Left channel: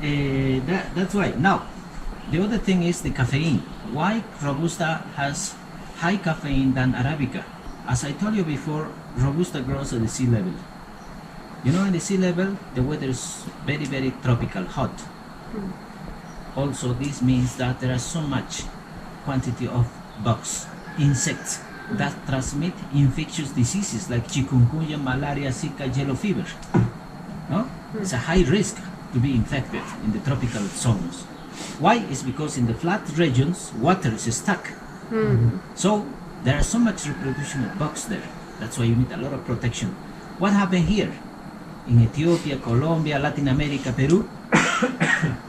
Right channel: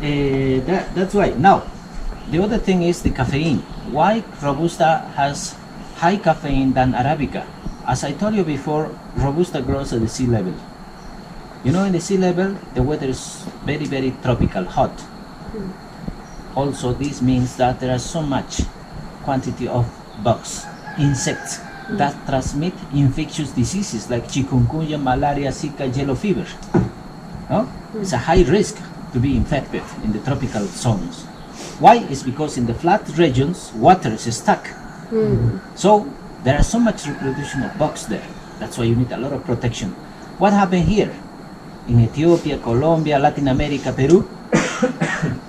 That's why. Now, the other thing is the caffeine. Why Robusta has high caffeine than Arabica? As I told you before, Robusta grows at the sea level. You know, in the sea level, the weather is very, very tropical, hot. Also, this means that there are so much quantity of bugs, insects, that transmit infectious diseases like chikungunya, malaria, Zika, yellow fever. No? It's a high risk to be infected in the tropical zones. Why? It's because in the flat regions, water is stuck. So there are so much reproduction of bugs there. That's why you need a lot of protection. What happened here? In Ethiopia, Colombia, Latin America, Peru,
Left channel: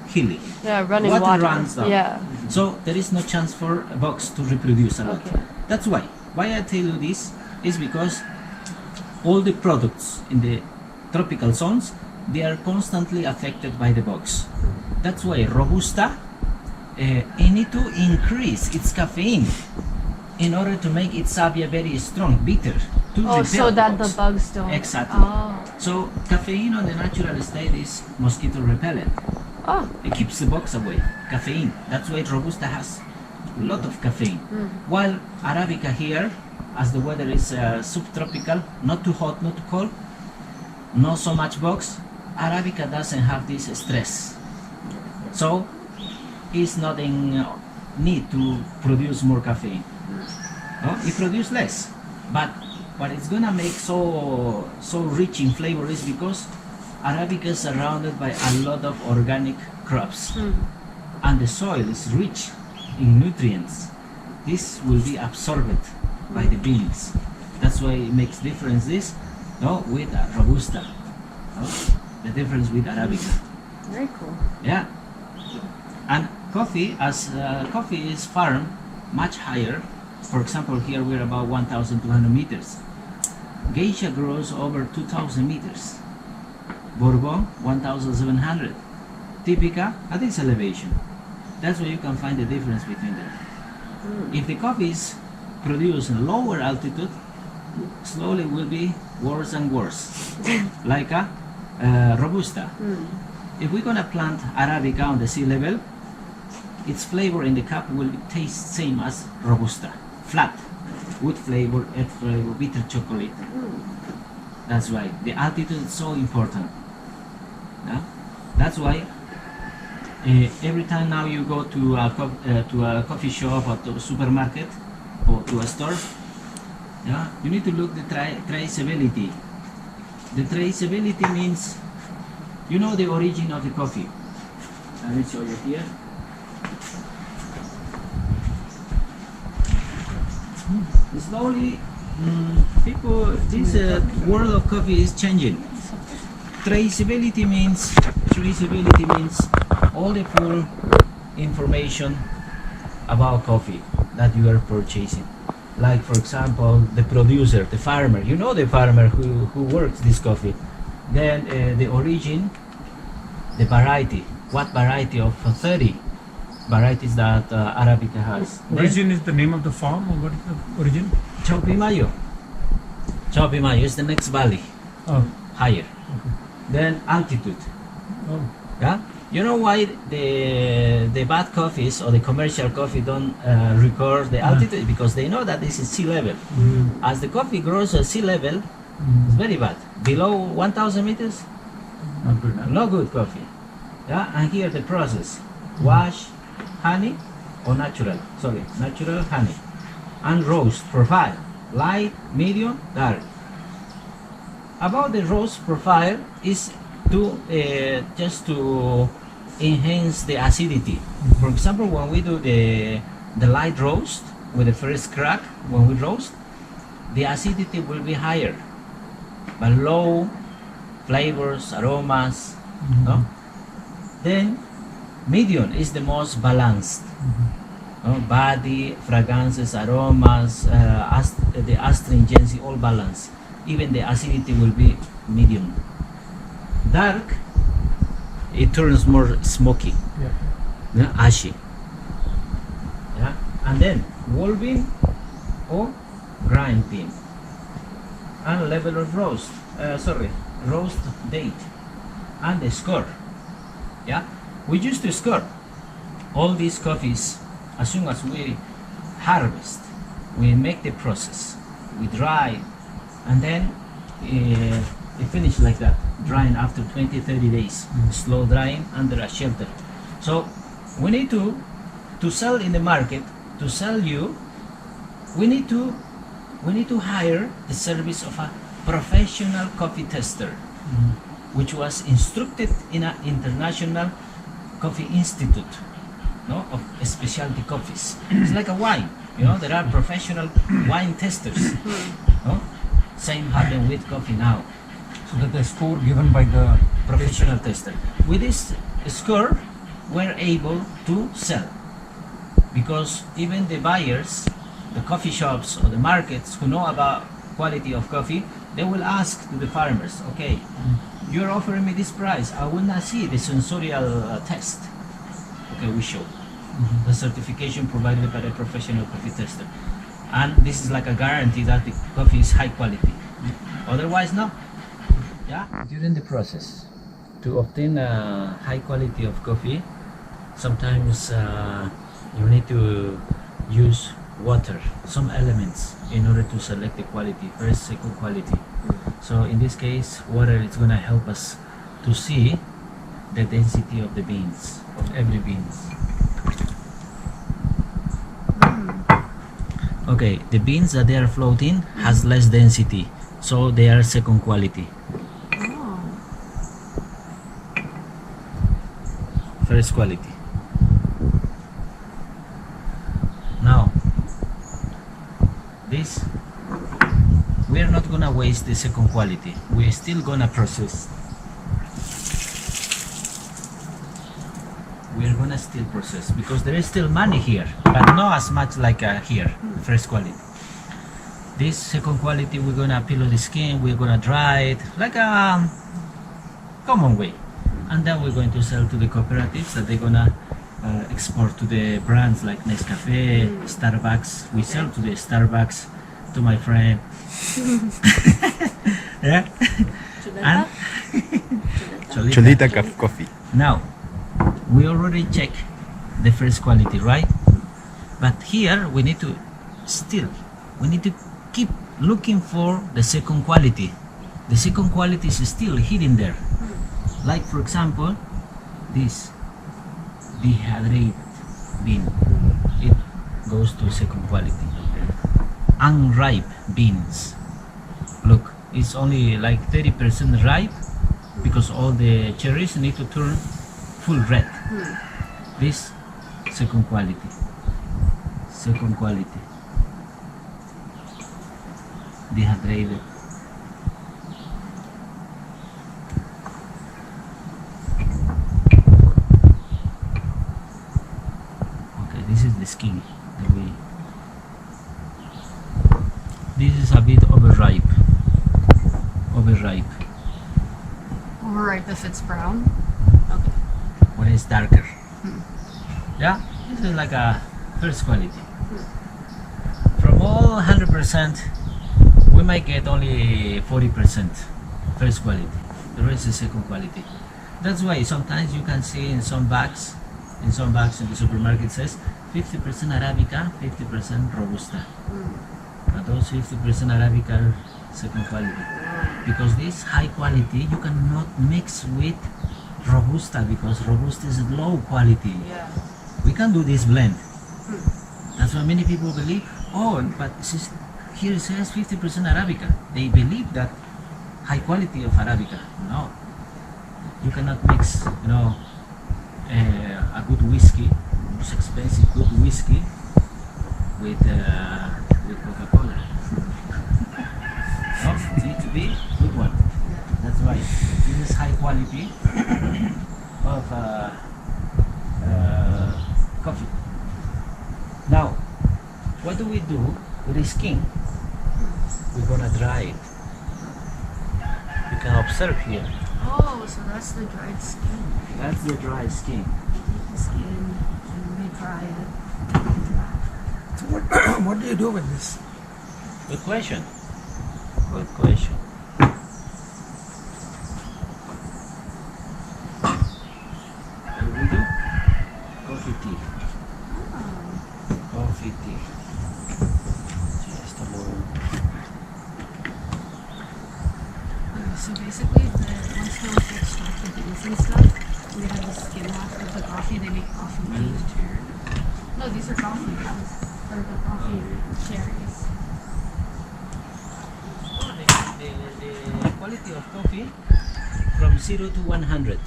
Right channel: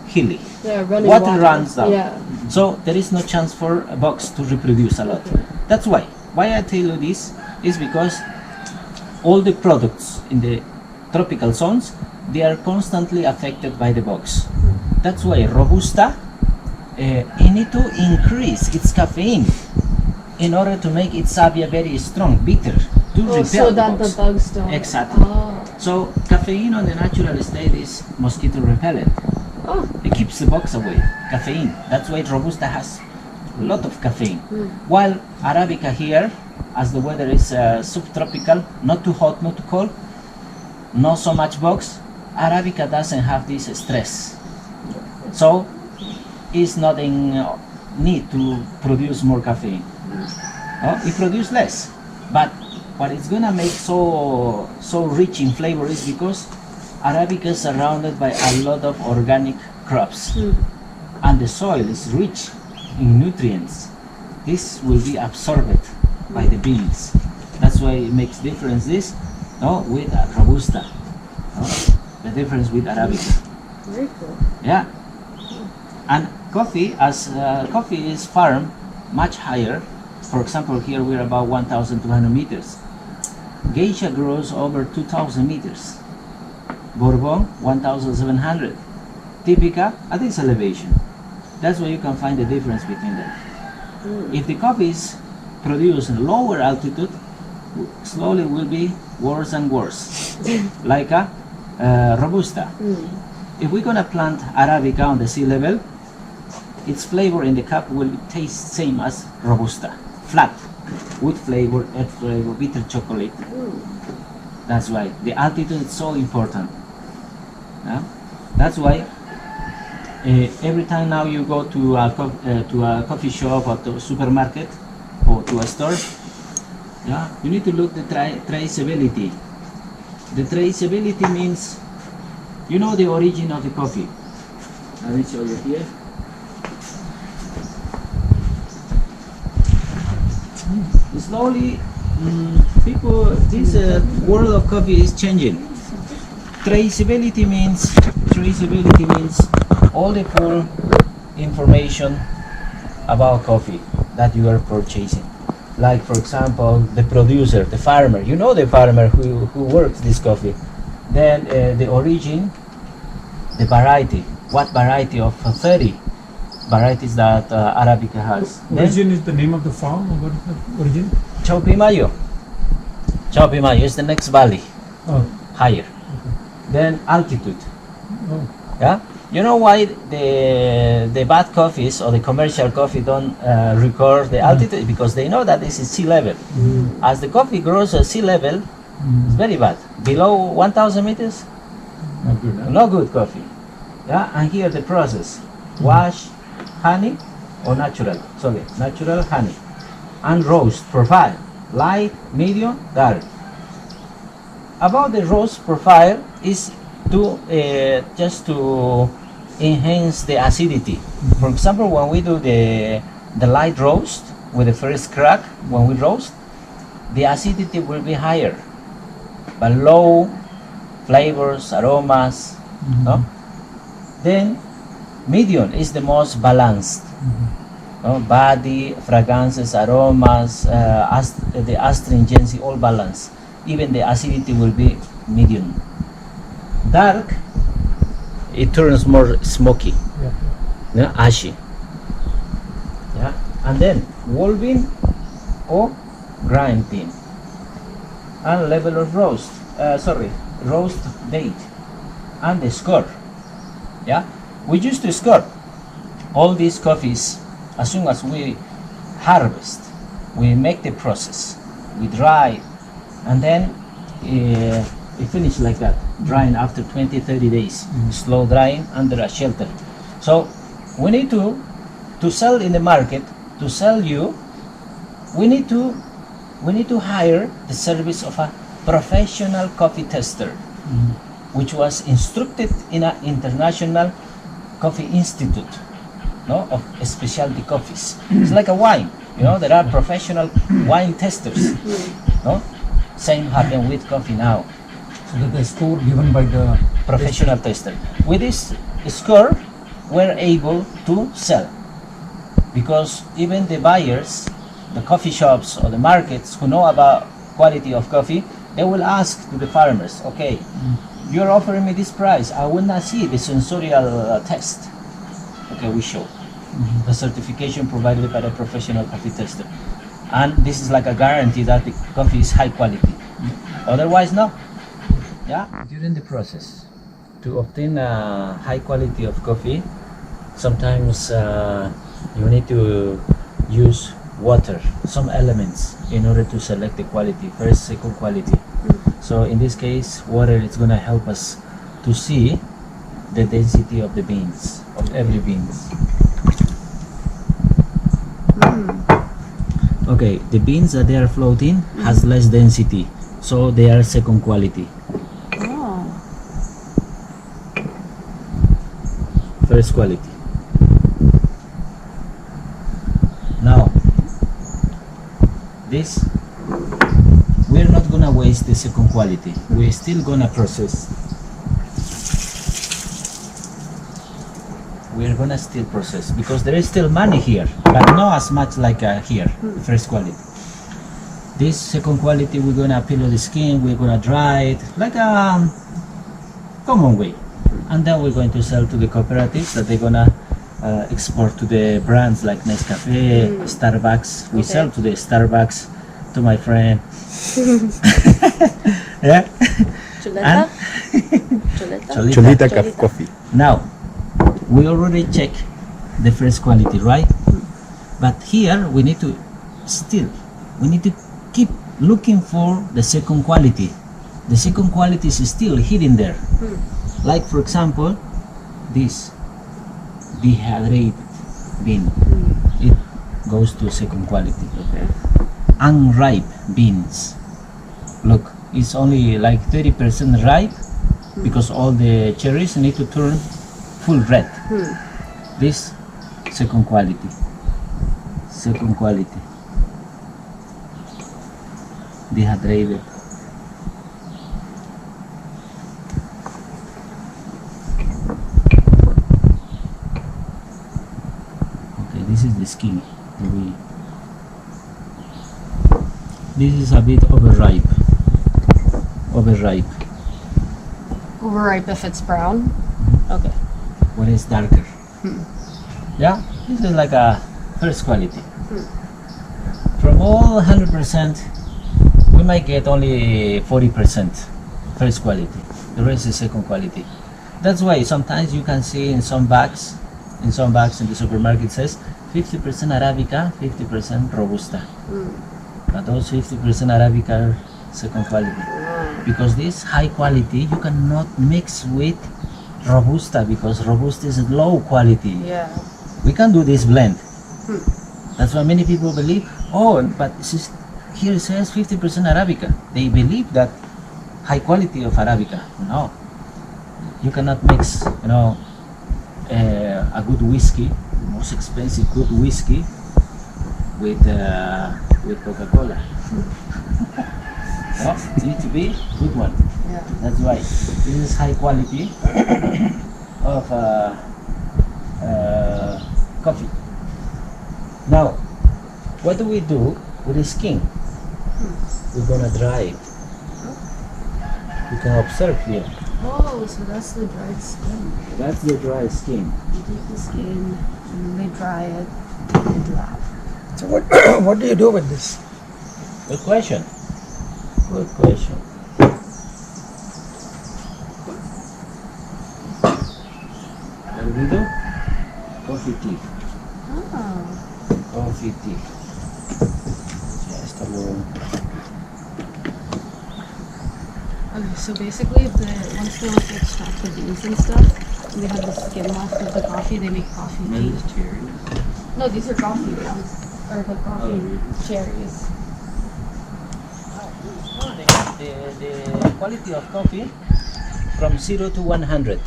hilly. Yeah, running Water runs down. Yeah. So there is no chance for bugs to reproduce a lot. That's why. Why I tell you this is because all the products in the tropical zones, they are constantly affected by the bugs. That's why Robusta, it need to increase its caffeine in order to make its savia very strong, bitter, to repel so the that bugs. the bugs don't. Exactly. Oh. So caffeine on the natural state is mosquito repellent. Oh. It keeps the bugs away. Caffeine. That's why Robusta has a lot of caffeine. While Arabica here, as the weather is subtropical, not too hot, not too cold, not so much bugs, Arabica doesn't have this stress. So it's not in need to produce more caffeine. It produces less. But what it's gonna make so rich in flavor is because Arabica is surrounded by a lot of organic crops, and the soil is rich in nutrients. This will be absorbed by the beans. That's why it makes difference this with Robusta. The difference with Arabica. Very cool. Yeah. And coffee, as coffee is farmed much higher. For example, here we're about 1,200 meters. Geisha grows over 2,000 meters. Bourbon, 1,700. Typica at this elevation. That's where you can find the difference between them. If the coffee is produced in lower altitude, slowly will be worse and worse, like a Robusta. If we're gonna plant Arabica on the sea level, its flavor in the cup will taste same as Robusta, flat, wood flavor, earth flavor, bitter chocolate. That's why the altitude is so important. That's why every time now you go to a coffee shop or to a supermarket or to a store, you need to look the traceability. The traceability means you know the origin of the coffee. Let me show you here. Slowly, this world of coffee is changing. Traceability means all the full information about coffee that you are purchasing. Like, for example, the producer, the farmer. You know the farmer who works this coffee. Then the origin, the variety. What variety of 30 varieties that Arabica has. Origin is the name of the farm, or what is the origin? Chaupimayo. Chaupimayo is the next valley, higher. Okay. Then altitude. Oh. Yeah. You know why the bad coffees or the commercial coffee don't record the altitude? Because they know that this is sea level. As the coffee grows at sea level, it's very bad. Below 1,000 meters, Not good, huh? no good coffee. Yeah. And here the process: wash, honey, or natural honey, and roast profile: light, medium, dark. About the roast profile is to just to enhance the acidity. For example, when we do the light roast with the first crack, when we roast, the acidity will be higher, but low flavors, aromas. No? Then medium is the most balanced. Body, fragrances, aromas, the astringency, all balanced. Even the acidity will be medium. Dark, it turns more smoky, ashy. Yeah, and then wolving or grinding, and level of roast. Roast date, and the score. Yeah, We used to score all these coffees as soon as we harvest. We make the process, we dry, and then it finishes like that, drying after 20-30 days, slow drying under a shelter. So we need to sell in the market, to sell you, we need to hire the service of a professional coffee tester, which was instructed in an international coffee institute, no, of specialty coffees. It's like a wine, there are professional wine testers, no? Same happen with coffee now. So that the score given by the Professional tester. With this score, we're able to sell, because even the buyers, the coffee shops or the markets who know about quality of coffee, they will ask to the farmers, okay, you're offering me this price, I will not see the sensorial test. Okay, we show the certification provided by the professional coffee tester, and this is like a guarantee that the coffee is high quality. Otherwise, no. Yeah. During the process, to obtain a high quality of coffee, sometimes you need to use water, some elements, in order to select the quality, first, second quality. So in this case, water is going to help us to see the density of the beans, of every beans. Okay, the beans that they are floating has less density, so they are second quality. Oh. First quality. Now, this, we're not gonna waste the second quality. We're still gonna process. We're gonna still process because there is still money here, but not as much like here, the first quality. This second quality, we're gonna peel the skin, we're gonna dry it like a common way, and then we're going to sell to the cooperatives that they're gonna export to the brands like Nescafe, Starbucks. We sell to the Starbucks, to my friend. Yeah. Chuleta? Cholita. Cholita coffee. Now, we already check the first quality, right? But here we need to keep looking for the second quality. The second quality is still hidden there. Like for example, this dehydrated bean. It goes to second quality. Okay. Unripe beans. Look, it's only like 30% ripe because all the cherries need to turn full red. This second quality. Second quality. Dehydrated. Okay, this is the skin. This is a bit overripe. Overripe. Overripe if it's brown? Okay. When it's darker. Yeah, this is like a first quality. From all 100%, we might get only 40% first quality. The rest is second quality. That's why sometimes you can see in some bags in the supermarket says 50% Arabica, 50% Robusta. But those 50% Arabica are second quality. Because this high quality you cannot mix with Robusta because Robusta is low quality. Yeah. We can do this blend. That's why many people believe, oh, but here it says 50% Arabica. They believe that high quality of Arabica. No. You cannot mix, a good whiskey, the most expensive good whiskey, with Coca-Cola. No, it needs to be good one. Yeah. That's why this is high quality of coffee. Now, what do we do with the skin? We're gonna dry it. You can observe here. Oh, so that's the dried skin. That's the dry skin. You take the skin and they dry it and dry. So what do you do with this? Good question. Good question. What do we do? Coffee tea. Oh. Coffee tea. Ya, esto lo... Okay, so basically, once they want to extract the beans and stuff, they have the skim off of the coffee. They make coffee tea. No, these are coffee beans or the coffee cherries. The quality of coffee from 0 to 100.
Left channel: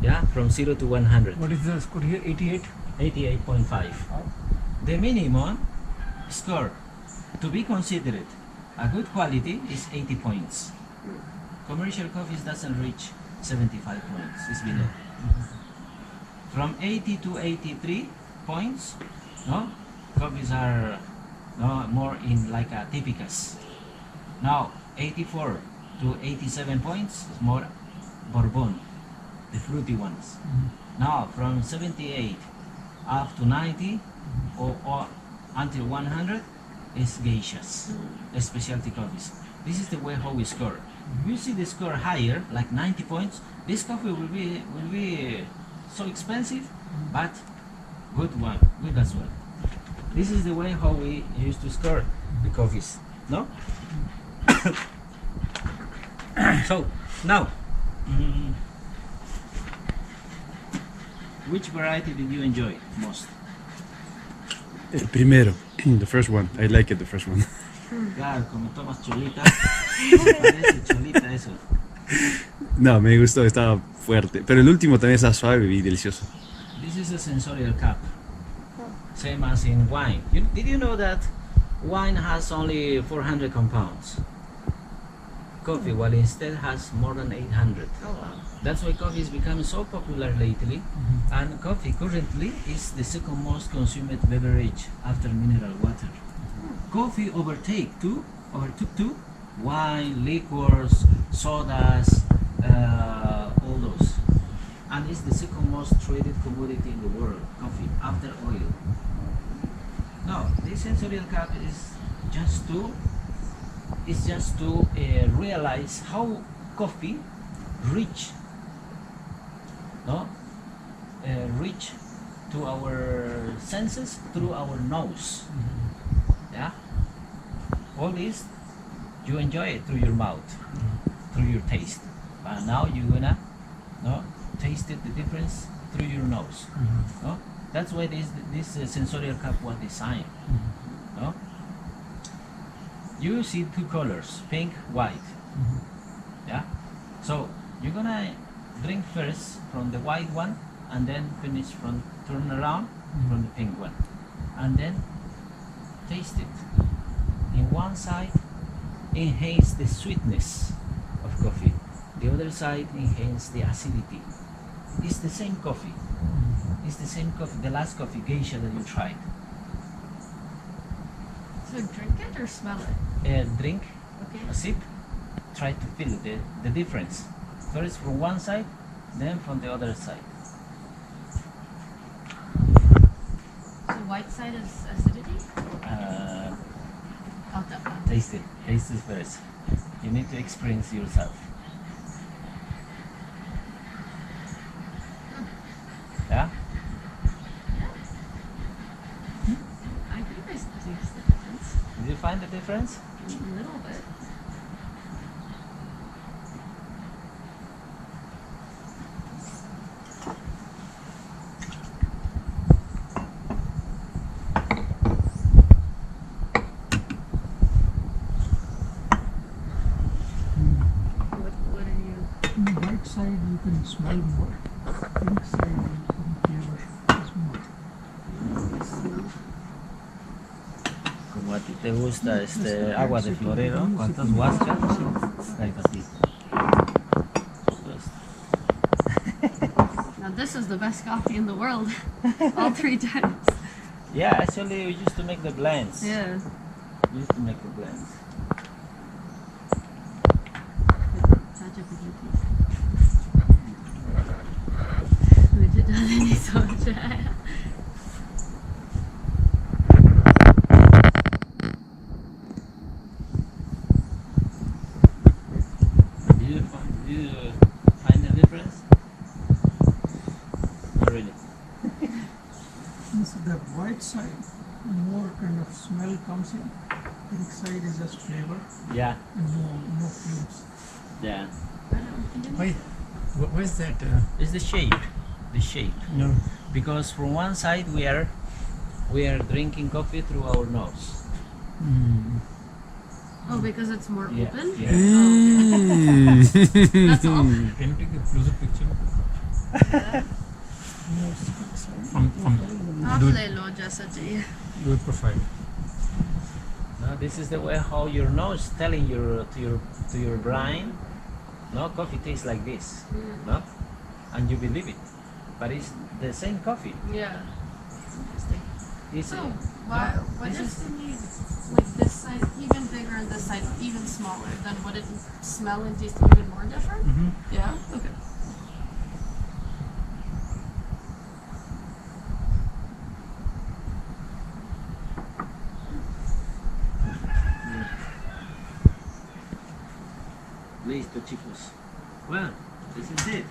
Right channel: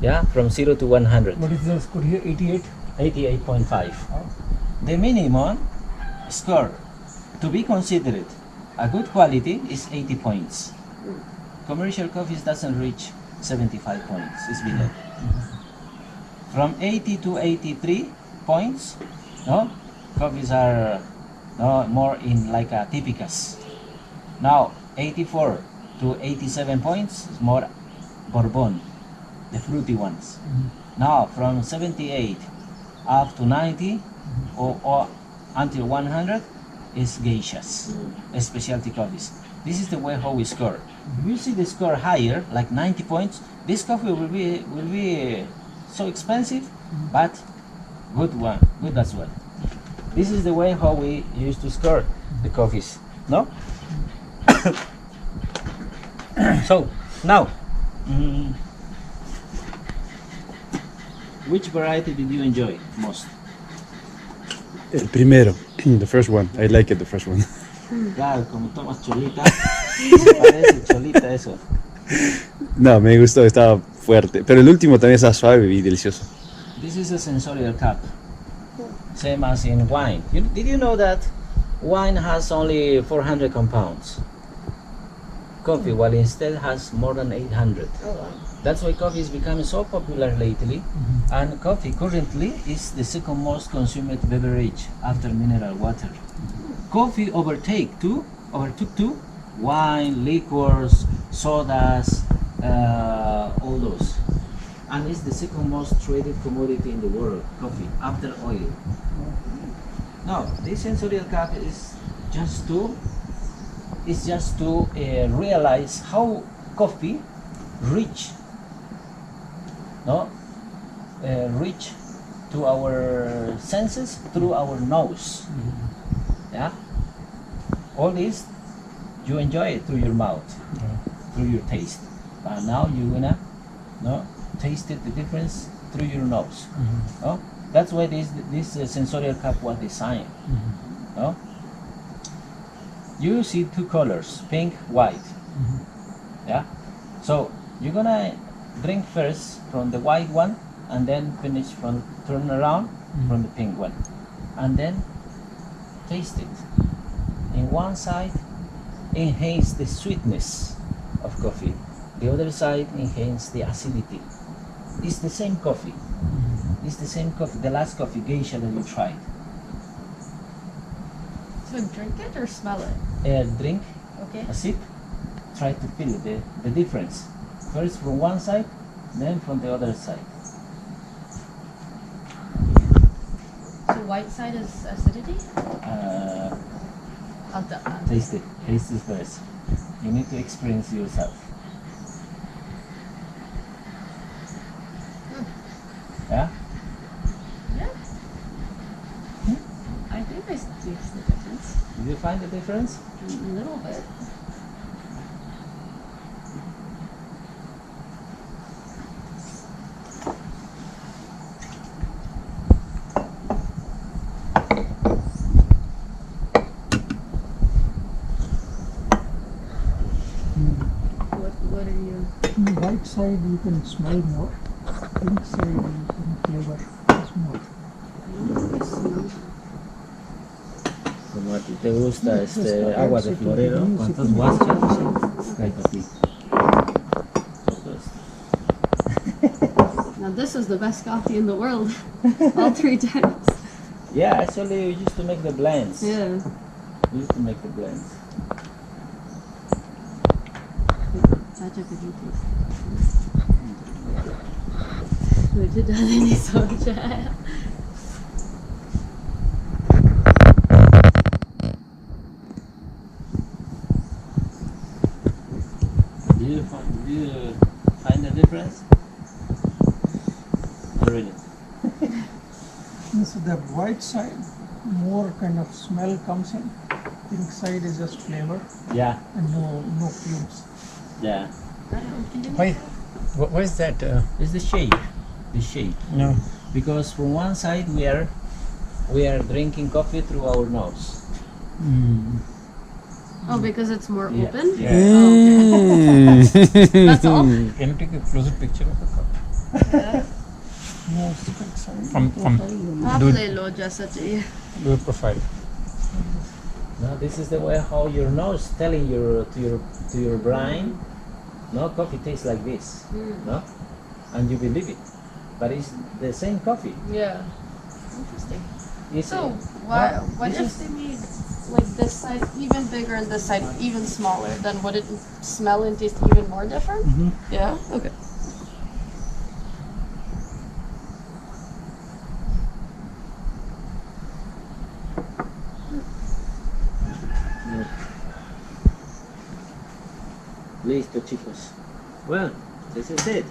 Yeah, from 0 to 100. What is the score here? 88? 88.5. Oh. The minimum score to be considered a good quality is 80 points. Commercial coffees doesn't reach 75 points, it's below. From 80 to 83 points, no, coffees are more in like a typicus. Now 84 to 87 points is more Bourbon, the fruity ones. Now from 78 up to 90 or until 100 is geishas, specialty coffees. This is the way how we score. If you see the score higher, like 90 points, this coffee will be so expensive, but good as well. This is the way how we used to score the coffees, no? So now, which variety did you enjoy most? El primero, the first one. I like it, the first one. Claro, como tomas cholita, parece cholita eso. No, me gustó, estaba fuerte. Pero el último también estaba suave y delicioso. This is a sensorial cup, same as in wine. Did you know that wine has only 400 compounds? Coffee, while instead has more than 800. Oh wow. That's why coffee is becoming so popular lately, and coffee currently is the second most consumed beverage after mineral water. Coffee overtook wine, liquors, sodas, all those, and it's the second most traded commodity in the world, coffee, after oil. Now, this sensorial cup is just to realize how coffee reach to our senses through our nose. Yeah, all this you enjoy it through your mouth, through your taste, but now you're gonna taste it, the difference through your nose. No? That's why this sensorial cup was designed. No? You see two colors, pink, white. Yeah, so you're gonna drink first from the white one, and then turn around from the pink one, and then taste it. In one side enhance the sweetness of coffee, the other side enhance the acidity. It's the same coffee. It's the same coffee, the last coffee, geisha, that you tried. So drink it or smell it? Drink Okay. a sip, try to feel the difference. First from one side, then from the other side. So white side is acidity? Taste it. Taste it first. You need to experience yourself. Yeah? Yeah. I think I taste the difference. Did you find the difference? A little bit. What are you? On the right side you can smell more. Pink side you can flavor is more. Smell. Como a ti te gusta agua de florero, ¿cuántas guachas? Cae para ti. Now this is the best coffee in the world. All 3 times. Yeah, actually we used to make the blends. Yeah. We used to make the blends. Chacha, could you taste the difference? मुझे ज़्यादा नहीं समझ आया. Do you find the difference? really. So the white side, more kind of smell comes in. Pink side is just flavor Yeah, and no fumes. yeah. Why? Why is that? It's the shape, the shape. No. Because from one side we are drinking coffee through our nose. Oh, because it's more Yeah. open? Yeah. That's all? Can you take a closer picture of the cup? No stick side. From आप do, ले लो जैसा चाहिए. do a profile. No, this is the way how your nose telling to your brain, no, coffee tastes like this, no, and you believe it, but it's the same coffee. Yeah. Interesting. It's So, what this if is- they made like this side even bigger and this side even smaller? Then would it smell and taste even more different? Yeah? Okay. Listo, chicos. Well, this is it.